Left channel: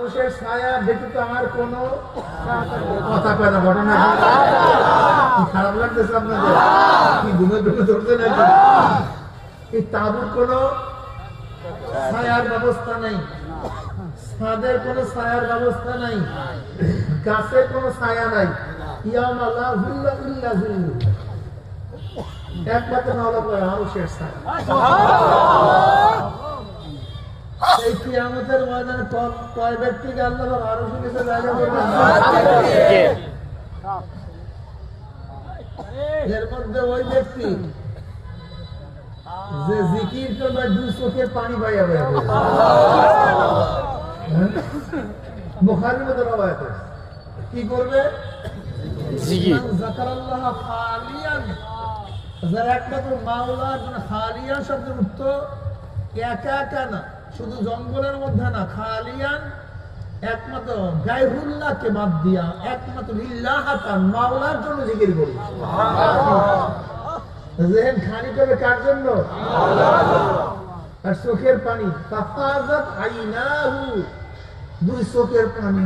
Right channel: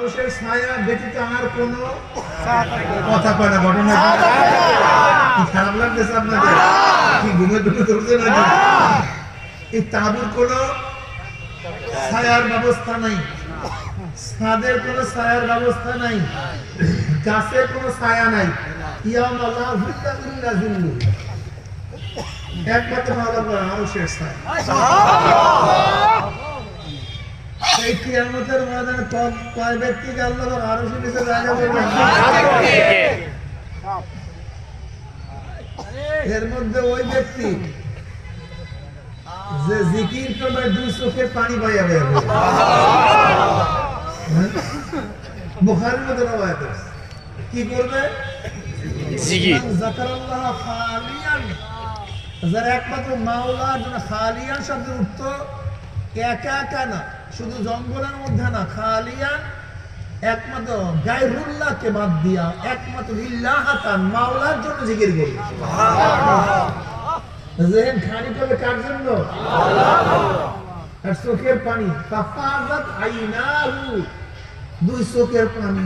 মানুষের ছায়া ব্যতীত আর কোনো কথা কয় না। ঘটনা কি খারাপ লাগতেছে আপনাদের? কি ঘুমে ঢুকে ধরছে নাকি? এই তাঁবুর কোনো ছায়ার ব্যবস্থা নাই, ছাদের কোনো ছায়ার ব্যবস্থা নাই, গাছের কোনো ছায়া নাই। একমাত্র মানুষের ছায়া। এই কিয়ামতের ময়দানে কয় ব্যক্তিকে আল্লাহ আরশের নিচে জায়গা দেবেন? এর মধ্যে ওই ব্যক্তি যে জিকির করবে দুই চোখে পানি পাইয়া বের হবে। বুখারীর মধ্যে রওয়ায়াত আছে, কি করবে? জিকির। যাকারাল্লাহ খালিয়ান, যারা একমাত্র মাওলার জন্য, খালিয়ান শব্দের অর্থ একা একা না, শুধু জঙ্গলের মধ্যে না, খালিয়ান একমাত্র গায়রুল্লাহকে বাদ দিয়া একমাত্র লিল্লাহাতান মাওলার জন্য জিকির করবে। যেন খানি করবে কার জন্য? আর চোখের পানি, ফাফাজাত আইনাহু, দুই চোখের পানি